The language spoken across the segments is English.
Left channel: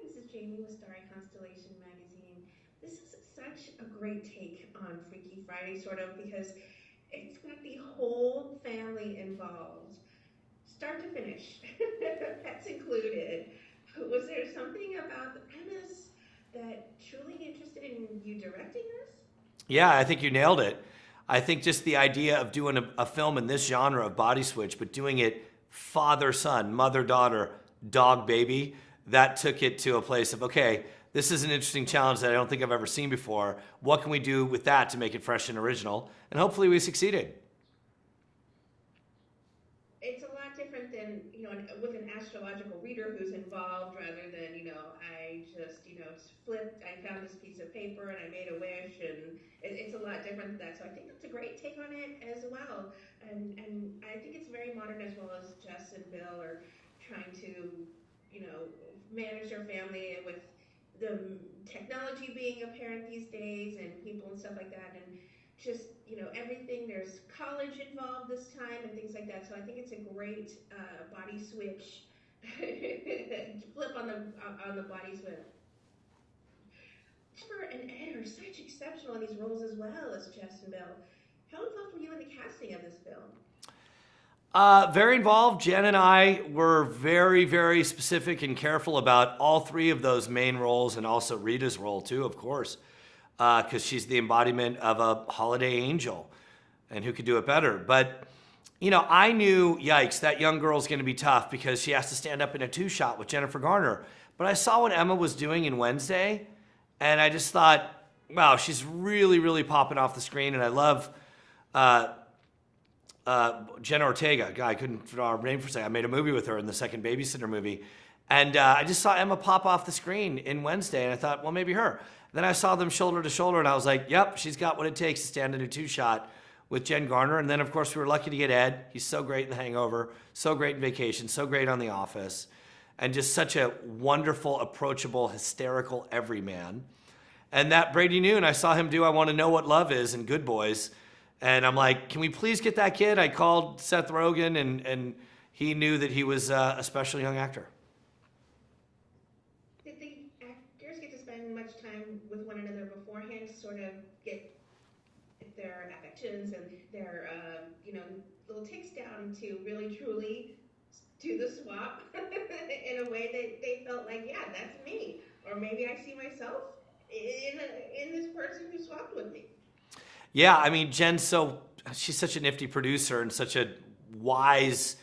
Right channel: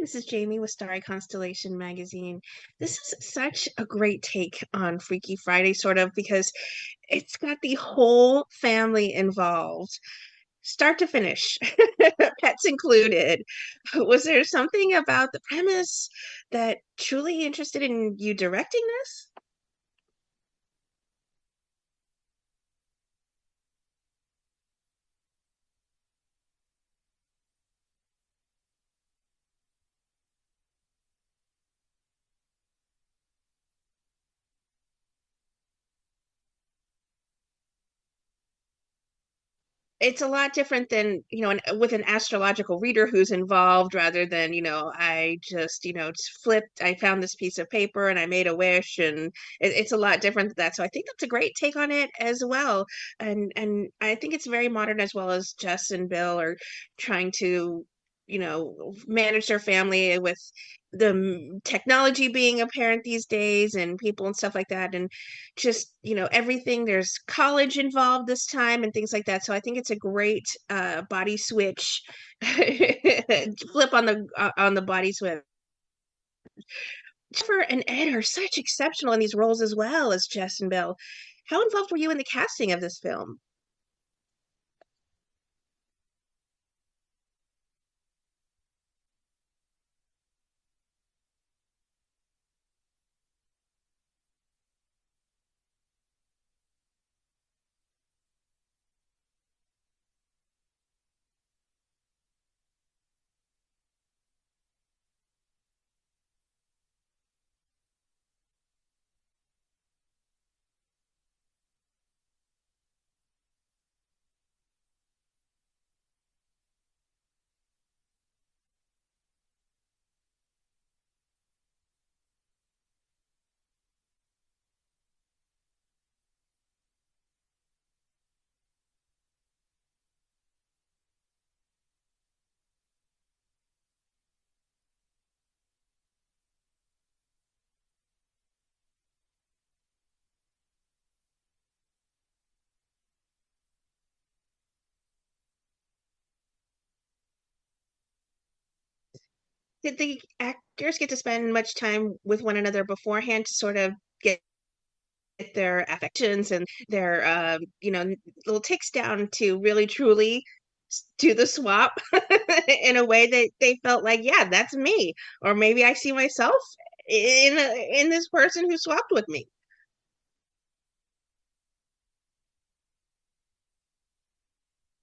This is Jamie with Starry Constellation Magazine. This is such a great take on Freaky Friday, sort of, because it's got the whole family involved, start to finish, pets included. Was there something about the premise that truly interested in you directing this? Yeah, I think you nailed it. I think just the idea of doing a film in this genre of body switch, but doing it father son, mother daughter, dog baby, that took it to a place of, okay, this is an interesting challenge that I don't think I've ever seen before. What can we do with that to make it fresh and original? And hopefully we succeeded. It's a lot different than, with an astrological reader who's involved rather than, I just, flipped, I found this piece of paper and I made a wish, and it's a lot different than that. So I think that's a great take on it as well. And I think it's very modern, as well as Jess and Bill are trying to, manage their family with the technology being apparent these days and people and stuff like that. And just, everything, there's college involved this time and things like that. So I think it's a great body switch flip on the body switch. Jennifer and Ed are such exceptional in these roles, as well as Jess and Bill. How involved were you in the casting of this film? Very involved. Jen and I were very, very specific and careful about all three of those main roles, and also Rita's role too, of course, because she's the embodiment of a holiday angel, and who could do it better? But I knew, yikes, that young girl's going to be tough because she has to stand up in a two-shot with Jennifer Garner. But I saw what Emma was doing in Wednesday, and I just thought, wow, she's really, really popping off the screen, and I love. Jenna Ortega, guy, I couldn't draw her name for a second. I made a movie with her in the second Babysitter movie. And I just saw Emma pop off the screen in Wednesday, and I thought, well, maybe her. Then I saw them shoulder to shoulder, and I was like, yep, she's got what it takes to stand in a two-shot with Jen Garner. And then, of course, we were lucky to get Ed. He's so great in The Hangover, so great in Vacation, so great on The Office, and just such a wonderful, approachable, hysterical everyman. And that Brady Noon, I saw him do I Want to Know What Love Is in Good Boys. And I'm like, can we please get that kid? I called Seth Rogen, and he knew that he was a special young actor. Did the actors get to spend much time with one another beforehand to sort of get their affections and their, little ticks down to really truly do the swap in a way that they felt like, yeah, that's me, or maybe I see myself in this person who swapped with me? Yeah, I mean, she's such a nifty producer and such a wise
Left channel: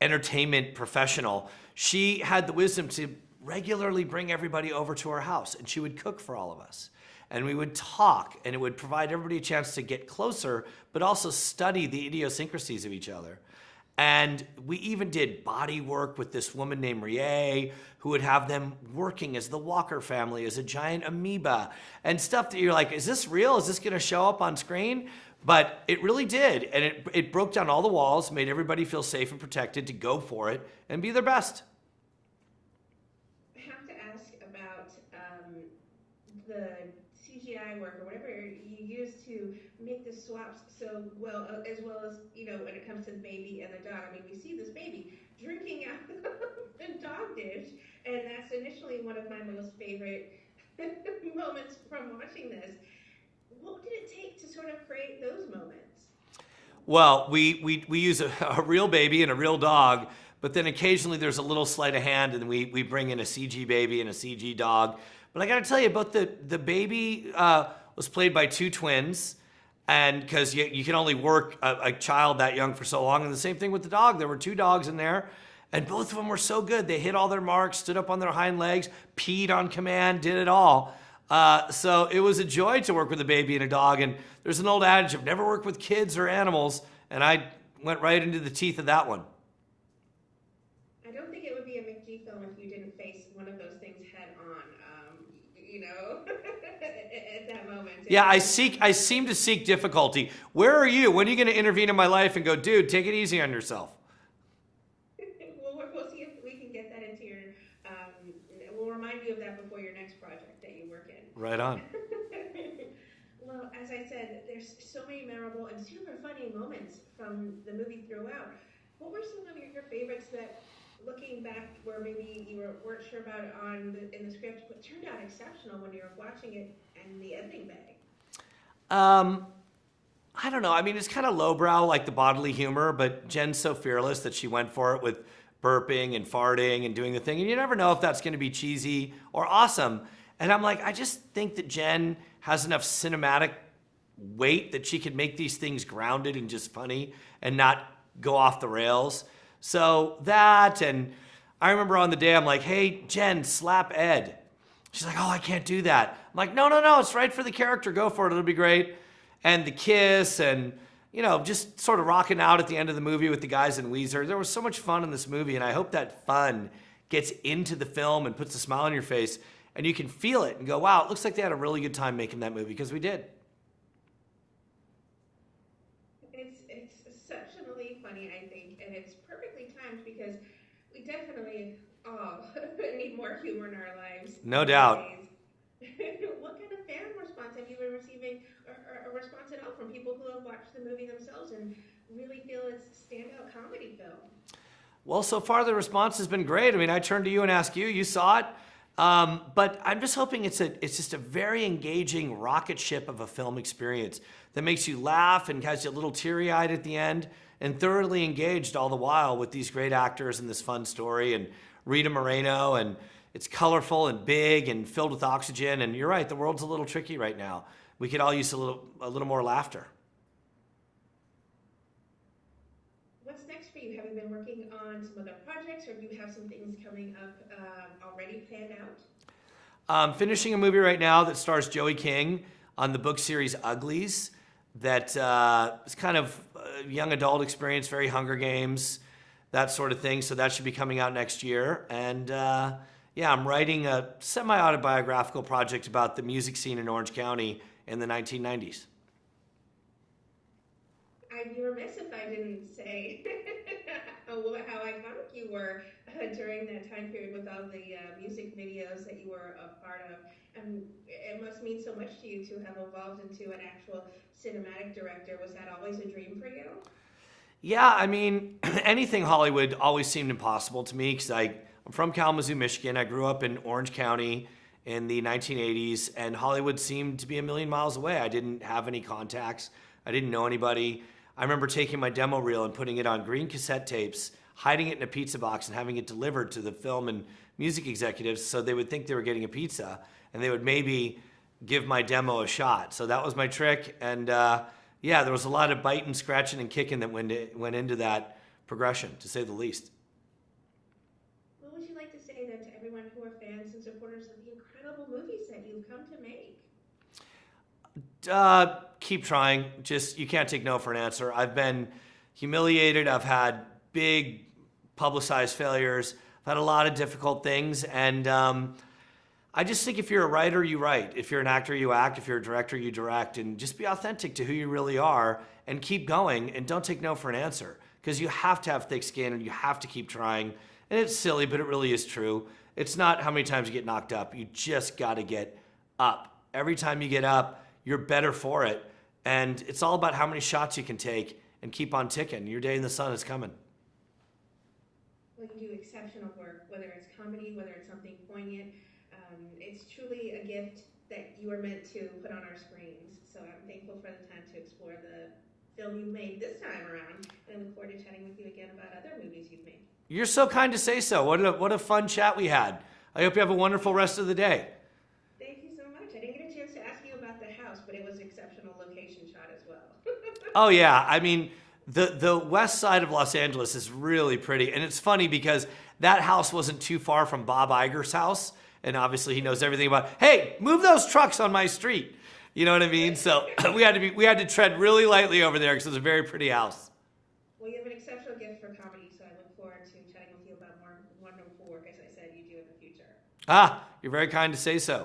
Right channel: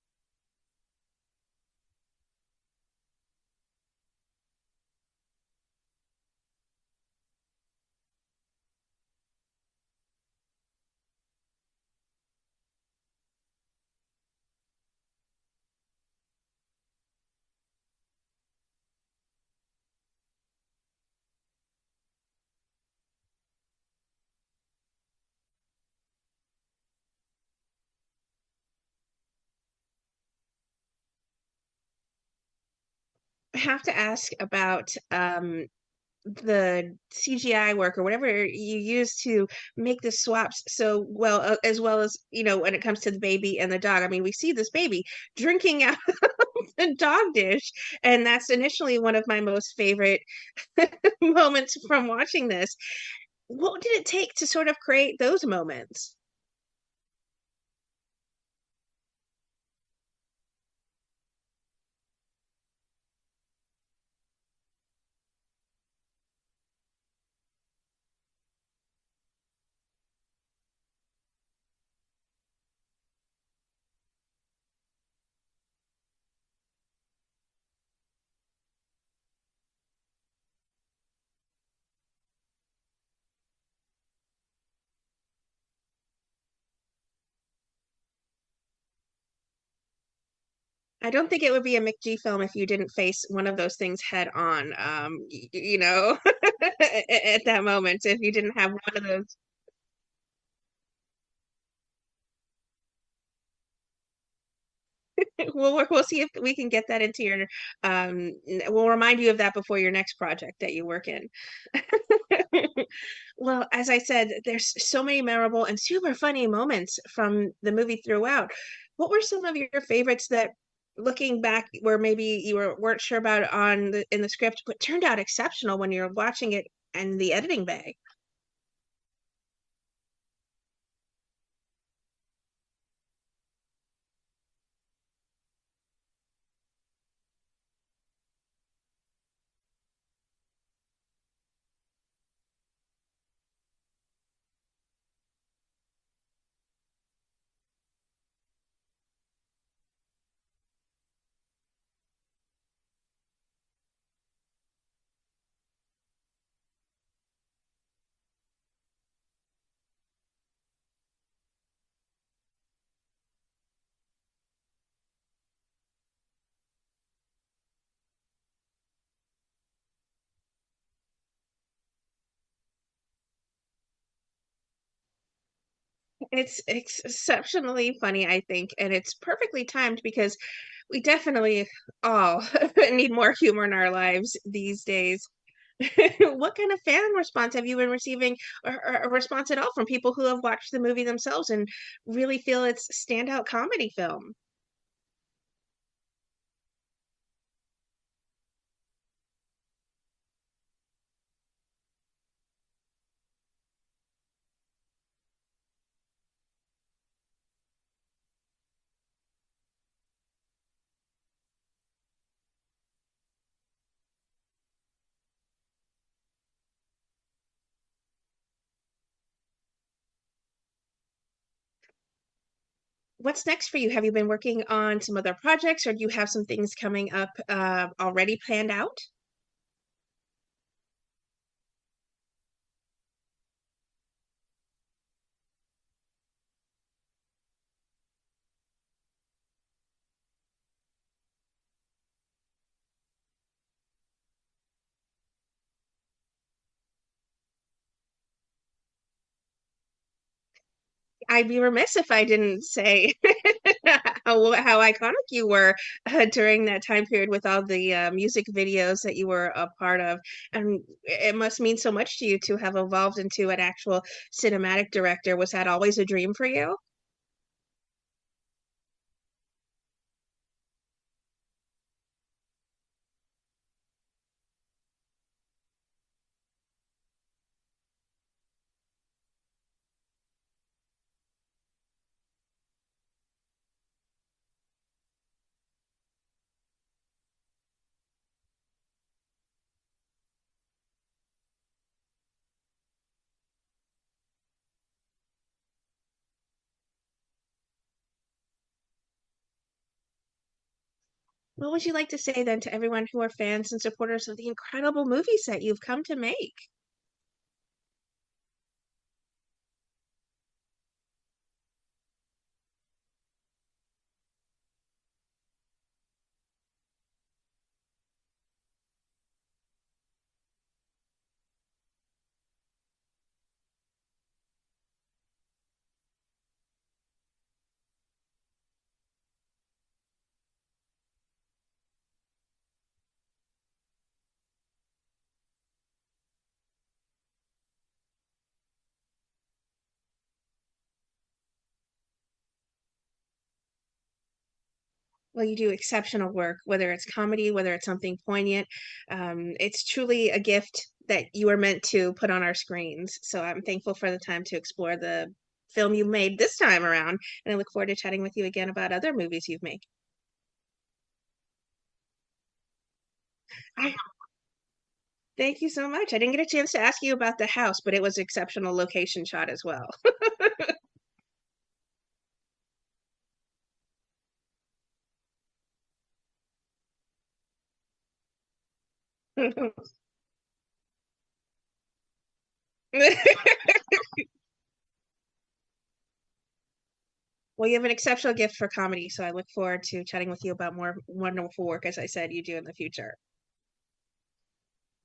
entertainment professional. She had the wisdom to regularly bring everybody over to her house, and she would cook for all of us. And we would talk, and it would provide everybody a chance to get closer, but also study the idiosyncrasies of each other. And we even did body work with this woman named Rie, who would have them working as the Walker family, as a giant amoeba, and stuff that you're like, is this real? Is this going to show up on screen? But it really did. And it broke down all the walls, made everybody feel safe and protected to go for it and be their best. I have to ask about the CGI work or whatever you use to make the swaps so well, as well as, when it comes to the baby and the dog. I mean, we see this baby drinking out of the dog dish, and that's initially one of my most favorite moments from watching this. What did it take to sort of create those moments? Well, we use a real baby and a real dog, but then occasionally there's a little sleight of hand, and we bring in a CG baby and a CG dog. But I got to tell you, both the baby was played by two twins, and because you can only work a child that young for so long. And the same thing with the dog. There were two dogs in there, and both of them were so good. They hit all their marks, stood up on their hind legs, peed on command, did it all. So it was a joy to work with a baby and a dog. And there's an old adage of never work with kids or animals, and I went right into the teeth of that one. I don't think it would be a McG film if you didn't face one of those things head on, at that moment. Yeah, I seem to seek difficulty. Where are you? When are you going to intervene in my life and go, dude, take it easy on yourself? We'll see if we can get that into your. We'll remind you of that before your next project that you work in. Right on. Well, as I said, there's so many memorable and super funny moments from the movie throughout. What were some of your favorites that looking back where maybe you weren't sure about it in the script, but turned out exceptional when you're watching it in the editing bay? Um, I don't know. I mean, it's kind of lowbrow, like the bodily humor, but Jen's so fearless that she went for it with burping and farting and doing the thing. And you never know if that's going to be cheesy or awesome. And I'm like, I just think that Jen has enough cinematic weight that she could make these things grounded and just funny and not go off the rails. So that, and I remember on the day, I'm like, hey, Jen, slap Ed. She's like, oh, I can't do that. I'm like, no, no, no, it's right for the character. Go for it. It'll be great. And the kiss and, you know, just sort of rocking out at the end of the movie with the guys in Weezer. There was so much fun in this movie, and I hope that fun gets into the film and puts a smile on your face, and you can feel it and go, wow, it looks like they had a really good time making that movie, because we did. It's exceptionally funny, I think, and it's perfectly timed because we definitely all need more humor in our lives No these doubt. days. What kind of fan response have you been receiving, or a response at all from people who have watched the movie themselves and really feel it's standout comedy film? Well, so far the response has been great. I mean, I turned to you and asked you. You saw it, but I'm just hoping it's just a very engaging rocket ship of a film experience that makes you laugh and has you a little teary eyed at the end, and thoroughly engaged all the while with these great actors and this fun story and Rita Moreno, and it's colorful and big and filled with oxygen. And you're right, the world's a little tricky right now. We could all use a little more laughter. What's next for you? Have you been working on some other projects, or do you have some things coming up already planned out? I'm finishing a movie right now that stars Joey King on the book series Uglies. That is kind of a young adult experience, very Hunger Games, that sort of thing. So that should be coming out next year. And yeah, I'm writing a semi-autobiographical project about the music scene in Orange County in the 1990s. I'd be remiss if I didn't say how iconic you were during that time period with all the music videos that you were a part of. And it must mean so much to you to have evolved into an actual cinematic director. Was that always a dream for you? Yeah, I mean, anything Hollywood always seemed impossible to me because I'm from Kalamazoo, Michigan. I grew up in Orange County in the 1980s, and Hollywood seemed to be a million miles away. I didn't have any contacts. I didn't know anybody. I remember taking my demo reel and putting it on green cassette tapes, hiding it in a pizza box, and having it delivered to the film and music executives so they would think they were getting a pizza, and they would maybe give my demo a shot. So that was my trick. And yeah, there was a lot of biting, scratching, and kicking that went into that progression, to say the least. What would you like to say then to everyone who are fans and supporters of the incredible movies that you've come to make? Keep trying. Just, you can't take no for an answer. I've been humiliated. I've had big publicized failures. I've had a lot of difficult things. And I just think if you're a writer, you write. If you're an actor, you act. If you're a director, you direct. And just be authentic to who you really are and keep going, and don't take no for an answer, because you have to have thick skin and you have to keep trying. And it's silly, but it really is true. It's not how many times you get knocked up. You just got to get up. Every time you get up, you're better for it. And it's all about how many shots you can take and keep on ticking. Your day in the sun is coming. Well, you do exceptional work, whether it's comedy, whether it's something poignant. It's truly a gift that you are meant to put on our screens. So I'm thankful for the time to explore the film you made this time around. And I look forward to chatting with you again about other movies you've made. You're so kind to say so. What a fun chat we had. I hope you have a wonderful rest of the day. Thank you so much. I didn't get a chance to ask you about the house, but it was exceptional location shot as well. Oh yeah, I mean, the west side of Los Angeles is really pretty, and it's funny because that house wasn't too far from Bob Iger's house, and obviously he knows everything about. Hey, move those trucks on my street. You know what I mean? So we had to tread really lightly over there because it was a very pretty house. Well, you have an exceptional gift for comedy, so I look forward to chatting with you about more wonderful work, as I said, you do in the future. Ah, you're very kind to say so.